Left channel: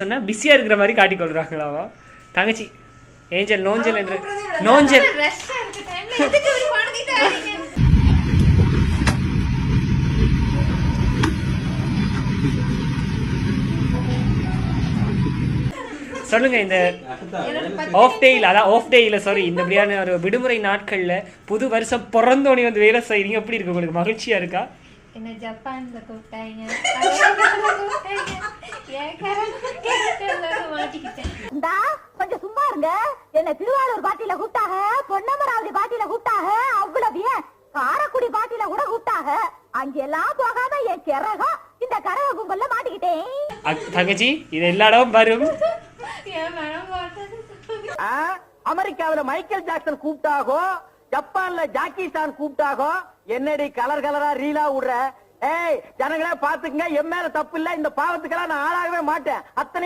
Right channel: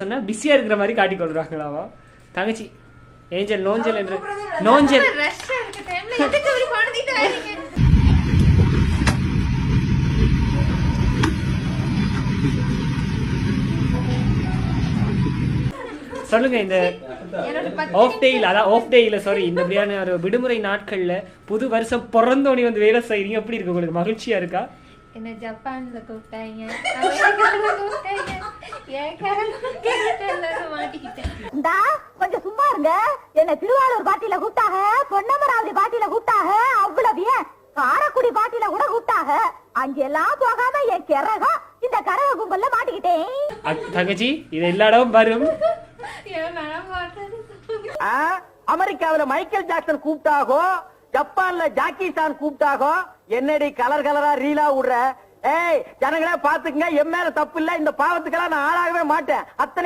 சொன்னா பிஸியா இருக்கிற மாதிரி காட்டிக் கொள்றாங்களாவா தங்கச்சி ஏஞ்சல் நோஞ்சல் என்று நோஞ்சல் சொல்லுங்க. இந்த ஆஃப் டேயில் அதான் ஆஃப் டேயில் சாரி இந்த மாதிரியான ஒரு விடுமுறை நாட்கள்ல புது வருஷம் பிறந்தோனி வந்து வேலை செய்றீங்க, எப்படி இருக்கு உங்களுக்கு? மகிழ்ச்சியா இருக்கா? என்ன ஜப்பான்ல கூப்பிட்டாங்க மாட்டிக்கிட்டேன். கொஞ்சம் சும்மா இருங்க. என்ன திருவாரூர் பாட்டியில கூப்பிட்டாங்க, பொன்னமராவதி பாட்டியில கூப்பிட்டாங்க, அவ்வளவு ஏன் காரக்குடி பாட்டியில கூட கூப்பிட்டாங்க. அங்கெல்லாம் போகாம என் கிறகம் இந்த கரக கும்பல்ல மாட்டிக்கிட்டேன். தங்கச்சி இது எல்லா இடமும் வரும். அமெரிக்காவில மைக்கேல் ஜாக்சன் கூப்பிட்டாகோ, ஜப்பான்ல ஜாக்கி சான் கூப்பிட்டாகோ, என்னடி கலர் கலரா ரீலா விடுற? ஏய் ஜனங்களே பாத்துக்கங்க, என் மேல தப்பு இல்ல, இந்த பாவத்துக்கெல்லாம் நான் ஆளாகவே மாட்டேன். அத்தனை